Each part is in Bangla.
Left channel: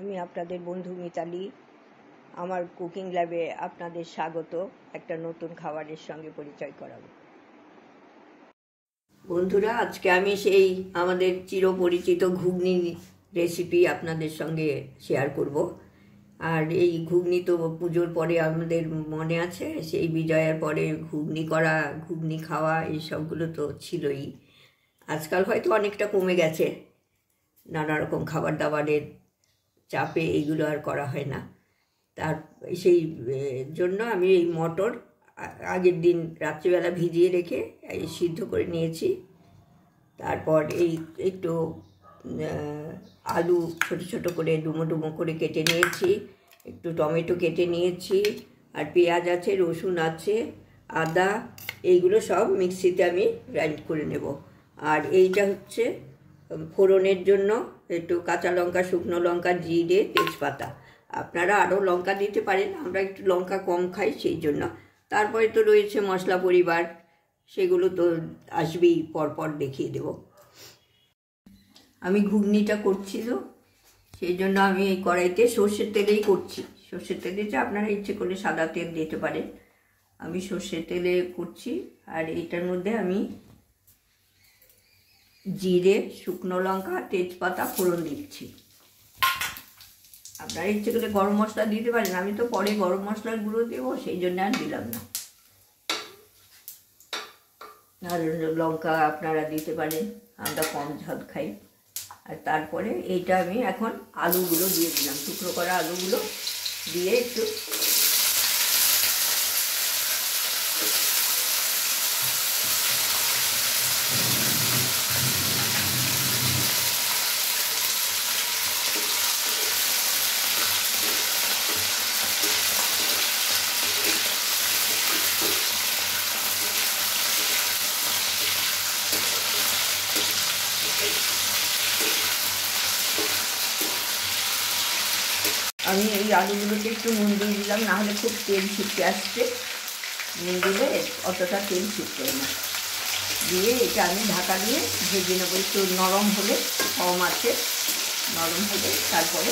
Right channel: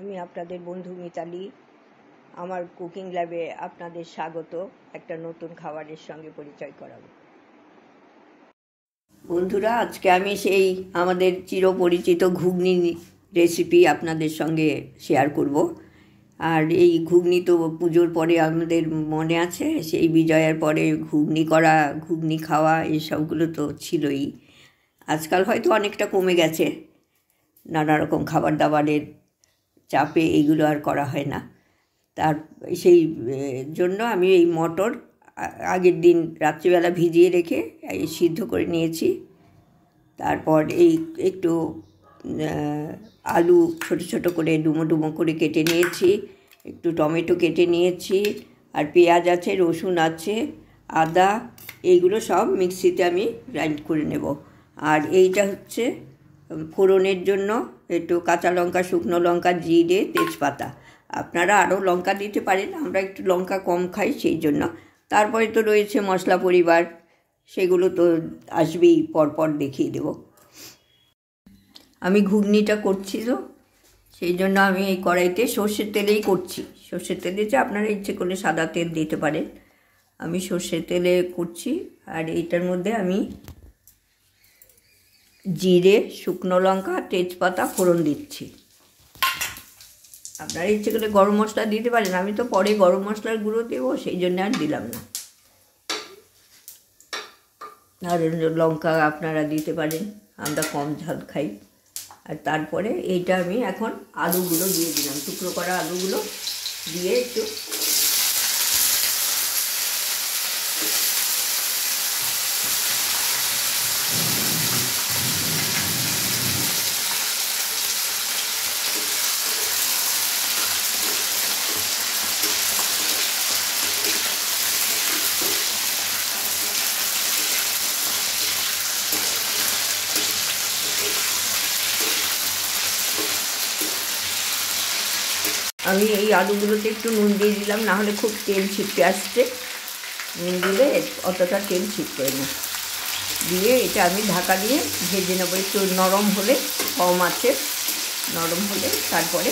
আমি আপনাদের বন্ধু মিতালি। আমার কুকিং ল্যাবে আপনাদের স্বাগত। একটা নতুন খাবারের সঙ্গে পরিচয় করাবো। বন্ধুরা, আজকে আমি সেই আমাদের চিরপরিচিত ঘুগনি রেসিপি আপনাদের সঙ্গে শেয়ার করব। আর এই ঘুগনি তো পুজোর পরে আমাদের মনে আছে, সেই বিজয়ার পরে ঘুগনি করা, ঘুগনি খাওয়া, এইসবগুলো তো ছিলই। আজকাল হয়তো অনেকটা কমে গেছে, নানা রকম খাবার দাবারের চাপে এইগুলো আর করা হয় না। তার সেই জন্য আমি এই মটর আগের দিন রাত্রিবেলা ভিজিয়ে রেখে এই সিদ্ধ করে নিয়েছি। তারপর এই একটু আলু ছোট ছোট করে ডুমো ডুমো করে কেটে নিয়েছি, একটু টমেটো কেটে নিয়েছি, আর পেঁয়াজ আছে, রসুন আছে, আদা, এইগুলো সব মিক্সিতে আমি গ্রাইন্ড করে নেব। আর এইটা হচ্ছে ফোড়নের জন্য একটু কাঁচা লঙ্কা, শুকনো লঙ্কা, জিরে, তেজপাতা। আপনারা আরও লঙ্কা দিতে পারেন, আমরা একটু লঙ্কা কম খাই সেই জন্য। তারপরে তো রয়েছে মশলা পরিবার, সেগুলো তো আসবেই, পরপর দেখিয়ে দেব। আমি ঘুগনিটা করছি তো সেই জন্য আমি এই কড়াইতে সর্ষের তেলেই করছি। সর্ষের তেলে যে আপনারা ইচ্ছে করলে সাদা তেল দিতে পারেন, আমি সর্ষের তেলে করছি। আর এইটার মধ্যে আমি জিরে, শুকনো লঙ্কা, তেজপাতা ফোড়ন দিচ্ছি। আপনারা ইচ্ছে করলে গরম মশলা দিতে পারেন, আমি তো পরে গরম মশলার গুঁড়ো দেবো সেই জন্য আর দিলাম না। আর লঙ্কা আপনারা দিতে পারেন, আমরা কম ঝাল খাই। আর তারপরে এইটা আমি এখন আলুগুলো দিয়ে দিলাম, টুকরো করা আলুগুলো দিয়ে একটু আমি এই আলুগুলোতে একটু নুন দিয়ে দিলাম, না হলে খুব তেল ছিটকে আসছে। নুন দিলে অতটা তেল ছিটকে না। দিয়ে এটা আমি ঢাকা দিয়ে ভেজে নেবো। একটু নরম হলে, কম আছে নরম হলে তারপরে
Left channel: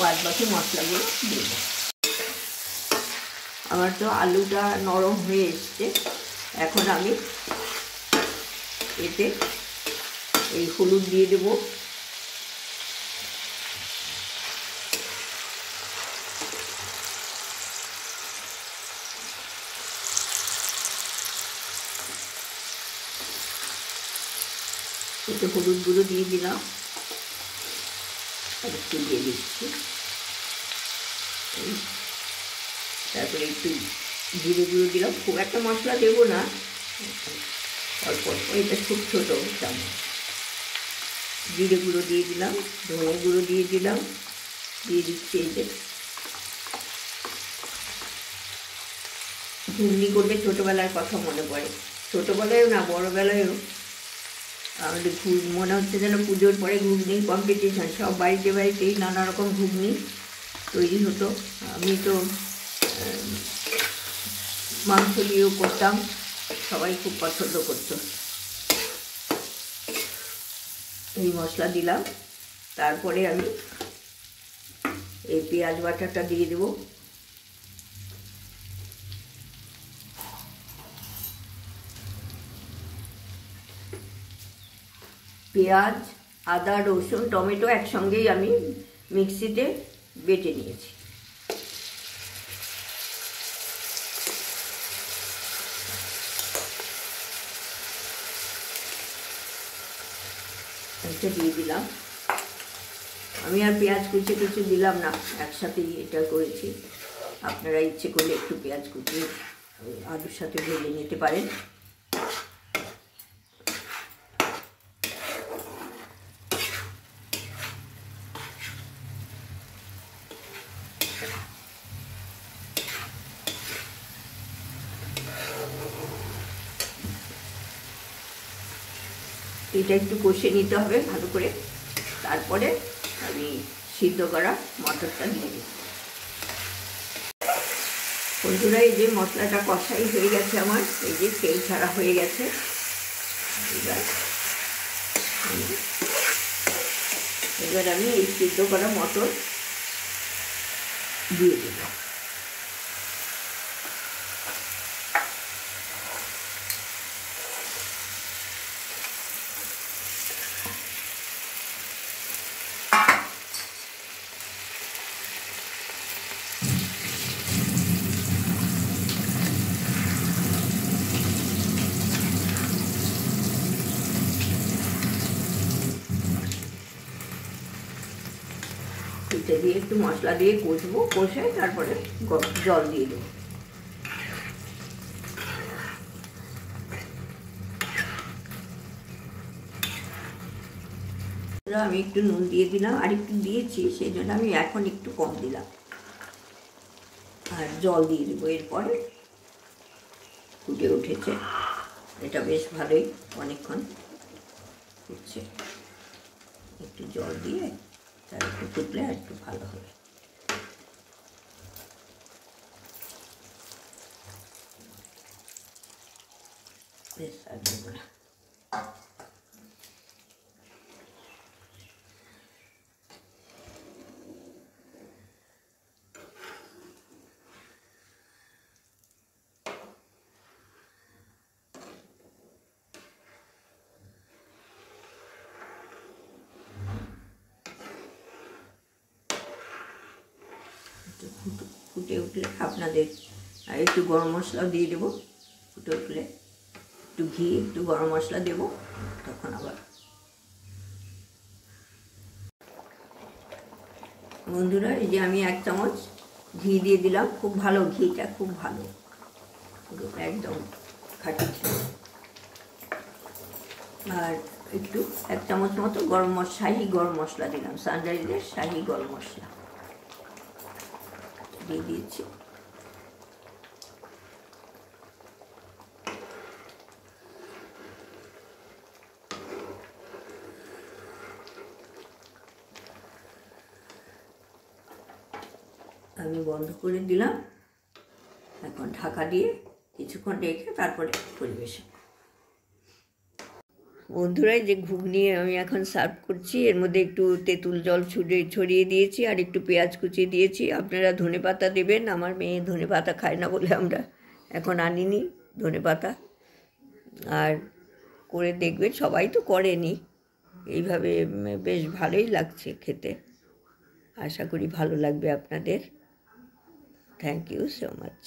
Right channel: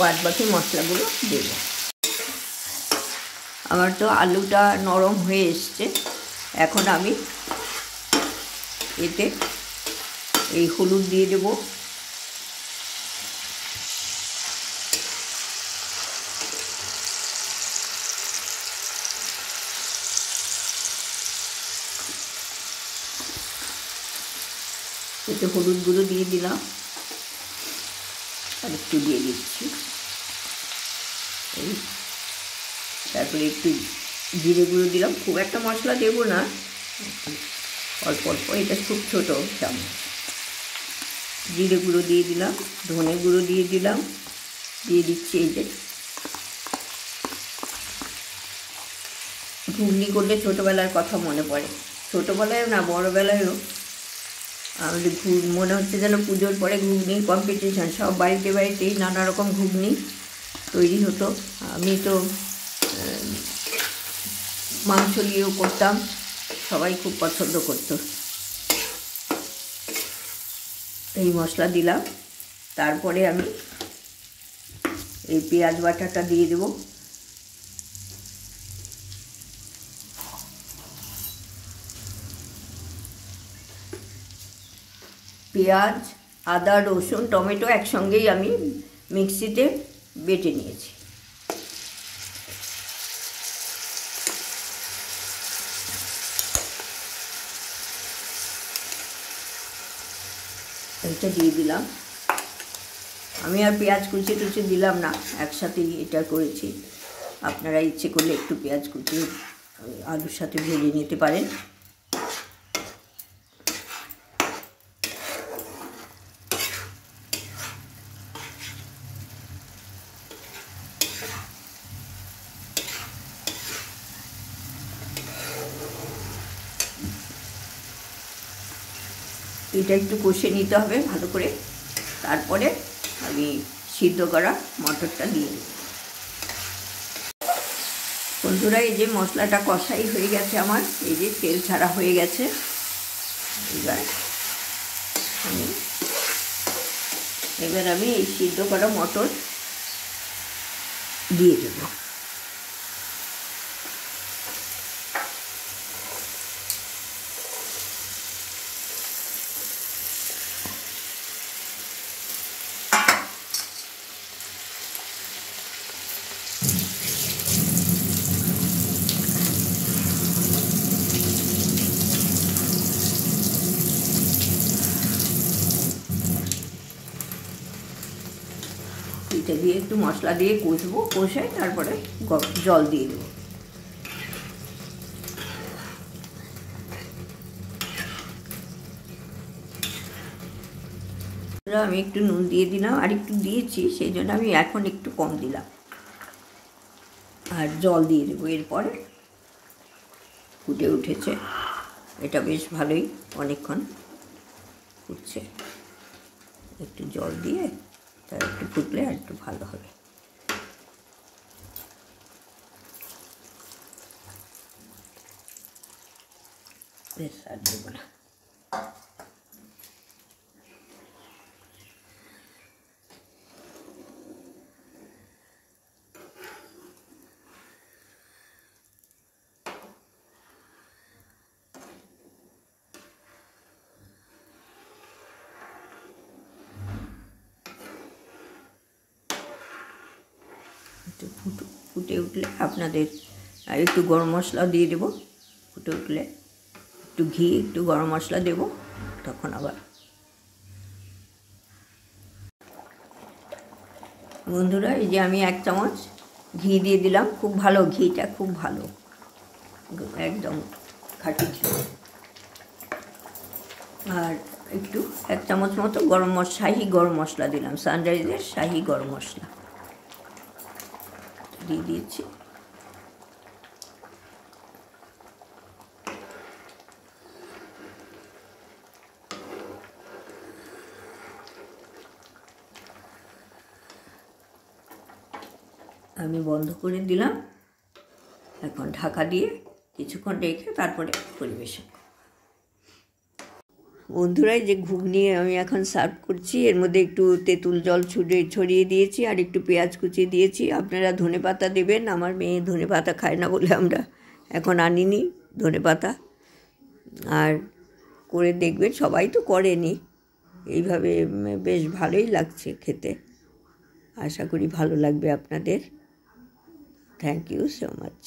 বাদ বাকি মশলাগুলো দেব। আমার তো আলুটা নরম হয়ে এসছে। এখন আমি এতে এই হলুদ দিয়ে দেবো, একটু হলুদ গুঁড়ো দিয়ে দিলাম, আর একটু দিয়ে দিচ্ছি। তারপরে একটু জিরে গুঁড়ো দিলাম, খুব একটা মশলা দেবো না, অল্প অল্প, এটা খুব ছোটো চামচ। জিরে গুঁড়ো দিয়ে দিলাম, ধনে গুঁড়ো দিয়ে দিলাম, দিয়ে দিচ্ছি এই যে। ঘুগনি করলে ছোটোবেলার কথা মনে পড়ে, ছোটোবেলায়ও না বড়োবেলায়ও আমাদের মনে হচ্ছে যেন পুজোর পরে ঘুগনির কম্পিটিশান। সব বাড়িতে বাড়িতেই নানা রকম ঘুগনি তৈরি হতো। আমি তো মাংস দিয়েও করতাম, সবাই খুব পছন্দ করতো। এই মশলা দিলাম, তারপরে আমি এই পেঁয়াজ বাটাটা দিয়ে দেবো। পেঁয়াজ, আদা, রসুন, টমেটো একসঙ্গেই আমি মিক্সিতে বেটে নিয়েছি। এটা দিয়ে দিলাম। আমি আর পেঁয়াজ কুচি টুচি দিলাম না, একসাথেই এটা করেছি। আপনারা ইচ্ছে করলে একটু পেঁয়াজ কুচি আলুর সাথে ভেজে নিতে পারেন। এটা একটু কষে নিতে হবে ভালো করে, তারপরে আমি সিদ্ধ করা মটরটা দিয়ে দেব। বন্ধুরা, এই যে মশলাটা কষাই হয়ে গেছে আমার, এই যে তেল ছাড়া হয়ে গেছে। এবার আমি এবার আমি এই সিদ্ধ করা মটর দিয়ে দেব। এটা দিয়ে একটু মশলা দিয়ে কষবো, কষে তারপরে জল দিয়ে দেবো। আমি একটু নুন দিয়ে দিলাম, আর একটু দিয়েছি, সেই জন্য আমি এখন একটু কম দিলাম। আর জল দিয়ে দেবো। এরপরে ফুটে উঠেছে, এটা বেশ ভালোই অনেকক্ষণ ফুটছে। একটু জল দিয়ে তার একটু ফুটলে আর একটু ভালো হবে। বেশ আর দেবো না। একটু ফুটে উঠলে আপনাদের আর একটু গরম মশলা দিয়ে দেবো। ফুটে উঠলে একটু ঘি, একটু গরম মশলা দেবো, তখন আবার। বন্ধুরা, এই যে আমি 1 চামচ ঘি দিয়ে দিলাম। খুব ভালো, ঘিটা খুব ভালো, একদম খাঁটি ছিল। আর একটু 1 চামচ মতো শাহি গরম মশলা দিলাম, সানরাইজের শাহি গরম মশলা দিয়ে দিয়েছি। আমি বন্ধ করে দিলাম। এখন ঢাকা দিয়ে কিছুক্ষণ রেখে তারপরে পরিবেশন। বন্ধুরা, যে ঘুগনি আমি এখন সার্ভ করছি, এর মধ্যে একটু তেঁতুল জল ছড়িয়ে দিয়েছি, আর একটু পেঁয়াজ কুচি দিয়েছি। আপনারা ধনেপাতা দেবেন। আমার মেয়ে ধনেপাতা খায় না বলে আমরা এখন আনিনি ধনেপাতা। আর করে দেখবেন, সবাই তো করেনি, এইভাবে বেশ ভালোই লাগছে খেতে। আশা করি ভালো লাগবে আপনাদের। Thank you so much.